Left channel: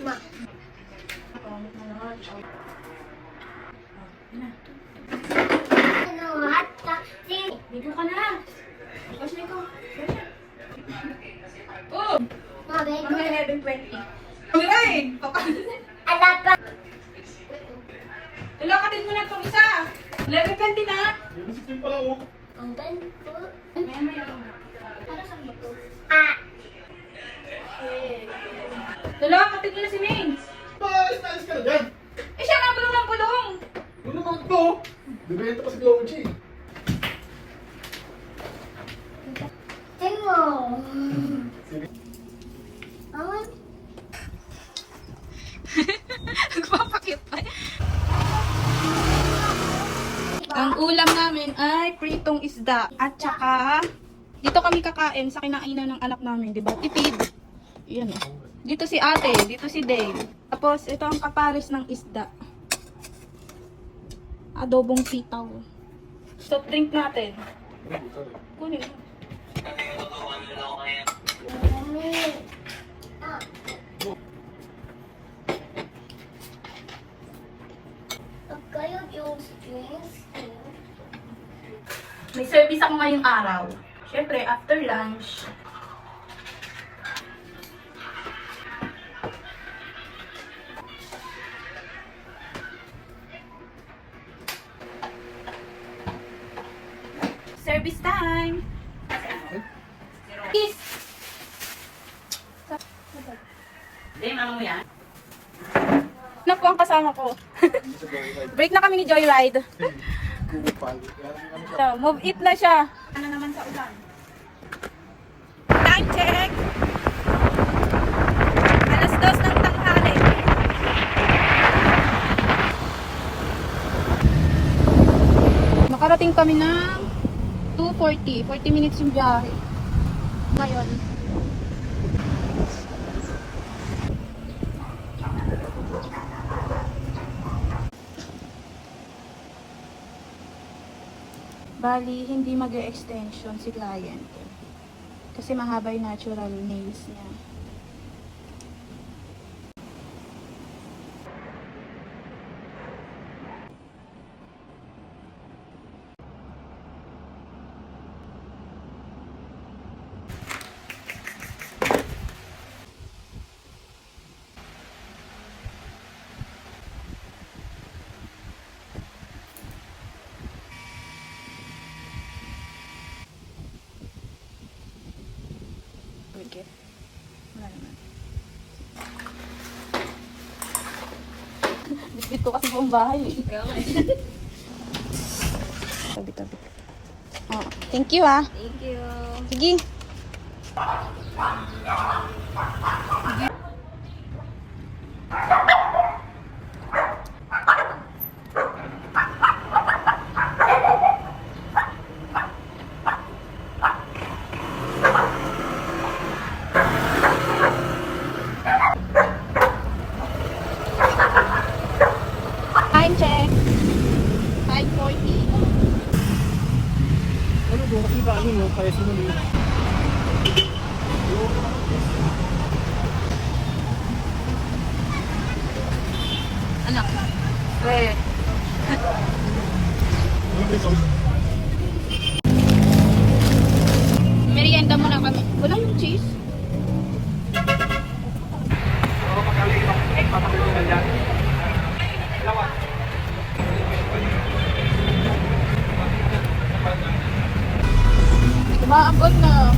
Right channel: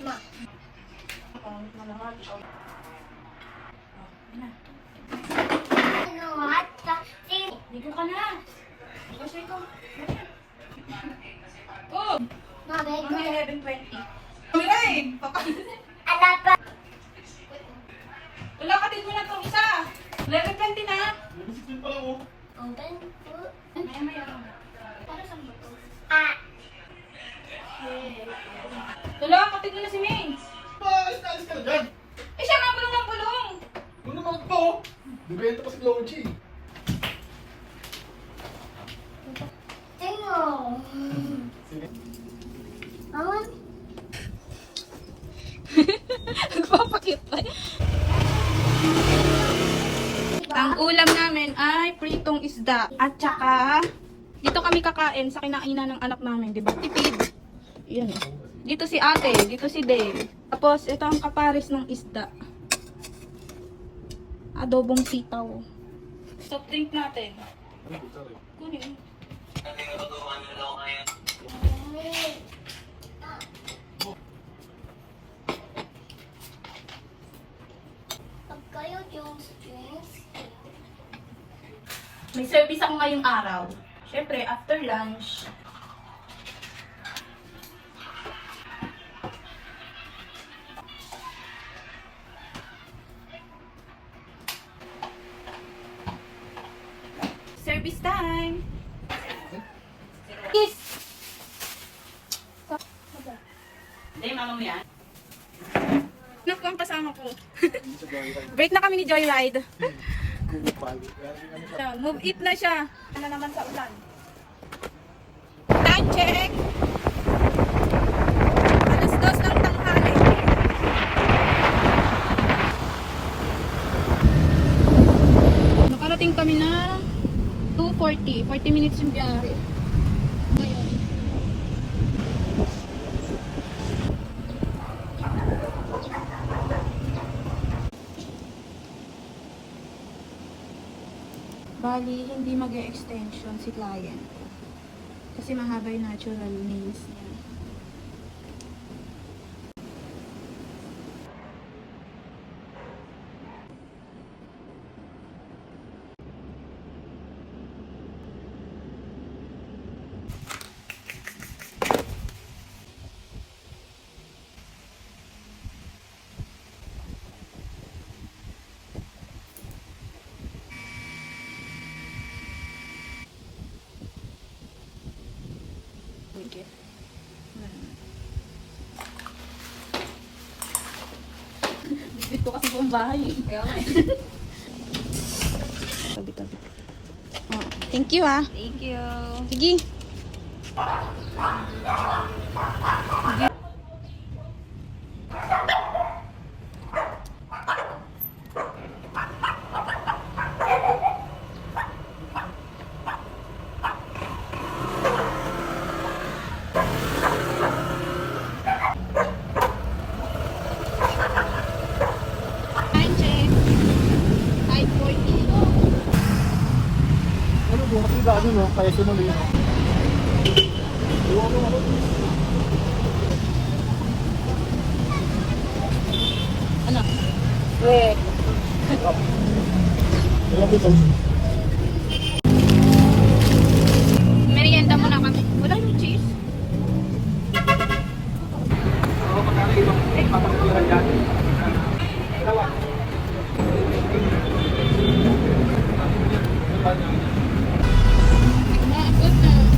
Ma. Ano at dito ka na. Kasi ko. Oh! Mami, Mamaya 11:20. Miray! ala pa. Wala ka din mo na itong isa. 11:20 na. Ang ganito. Mamaya ako. Para sa ito. Ah. Wala ka din mo na si Maine. Alis ka na dyan. Eh siya nga bulong ng bulong. Ano ba ito? Bibenta pa si Glory. Tengo. Awan. Nagpapakit pa. Ang ulam namin ay pritong isda. At saka, dito kami kakain sa kinainan ng anak namin, di ba? Tipid. Yan. Dito si ate, dito si Dave. Tapos, ito ang kapares ng isda. Adobong sitaw. Soft drink natin. Kunin mo. Mami. Pag kayo yung strings, May service ako ngayong araw. Siyempre, after lunch. Service time! Kiss! Ano po ang kasama ko? Break na kami ni Joyride. So, move it na siya. Ano naman sa ulan? Time check! Alas 2 ng tanghali. Nakarating kami ng 2:40. 40 minutes yung biyahe. Ngayon. Bali, hindi mag-extension si client. Kasi mahaba yung natural nails niya. Okay. Wala naman. Bitbit ko kasi buong bahay. Ikaw eh. Tabi-tabi. Oh, thank you ah. Thank you. Sige. Time check. 5:40. Ano ba? Kita ano no? Kaya sumuli. Anak. Wait. Wala piso. Merienda mo na kami. Wala yung cheese. Maabot na.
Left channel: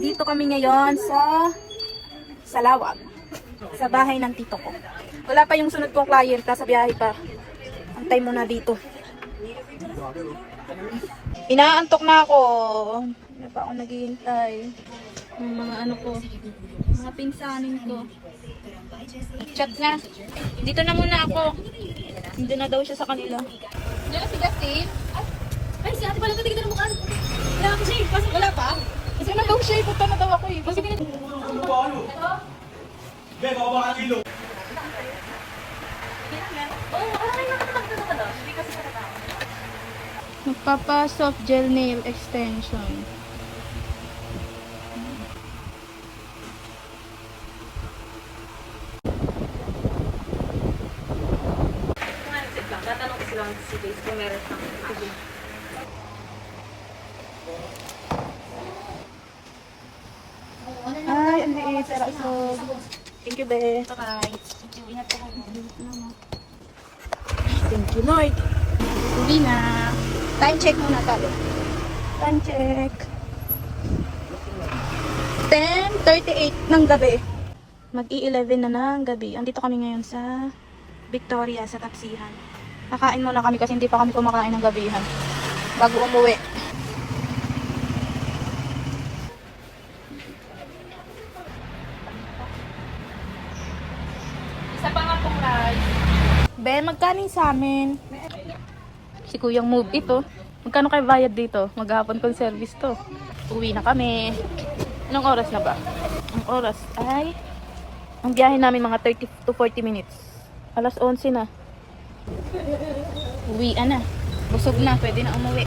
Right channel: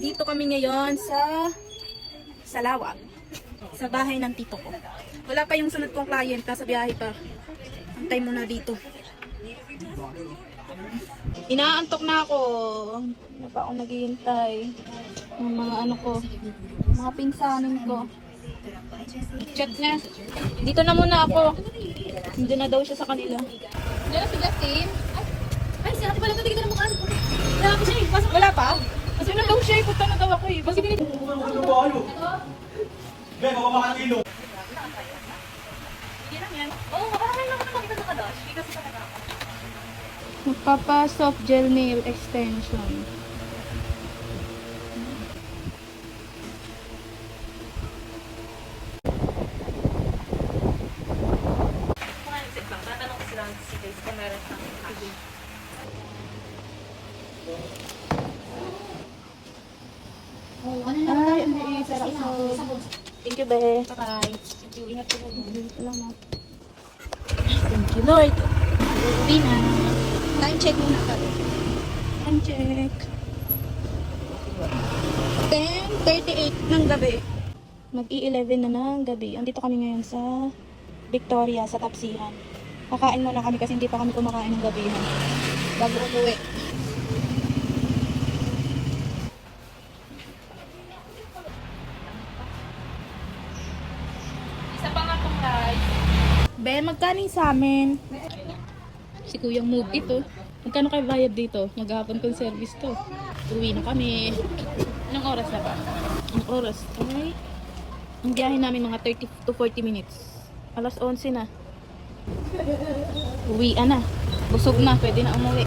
Dito kami ngayon sa Salawag. Sa bahay ng tito ko. Wala pa yung sunod kong client, nasa biyahe pa. Antay mo na dito. Inaantok na ako. Ano pa ako naghihintay? Ng mga ano ko. Mga pinsanin ko. Check na. Dito na muna ako. Hindi na daw siya sa kanila. Diyan si Justin. Ay, si ate pala ito. Tignan mo ka. Wala pa siya. Pasok. Wala pa? Kasi na daw siya. Punta na daw ako eh. Basta ganito. Ano ba kayo? Be, makabakan kilo. Oo, maraming nakakatawa ka daw. Hindi kasi pa Magpapa soft gel nail extension. Kung meron siya. Sige. Ay, ang liit. Thank you, be. Bye. Ingat po kayo. Thank you, Lord. Bina. Time check muna kami. Time check. 10:38 ng gabi. Mag-i-11 na ng gabi. Andito kami ngayon sa Victoria, sa Tapsihan. Kakain muna kami kasi hindi pa kami kumakain ng gabihan. Bago umuwi. Isa pa nga pong rice. Be, magkaning sa amin? Si Kuyang Move ito. Magkano kayo bayad dito? Maghapon kong service to. Uwi na kami. Anong oras na ba? Ang oras ay... Ang biyahe namin mga 30 to 40 minutes. Alas 11 na. Uwi na. Busog na. Pwede na umuwi.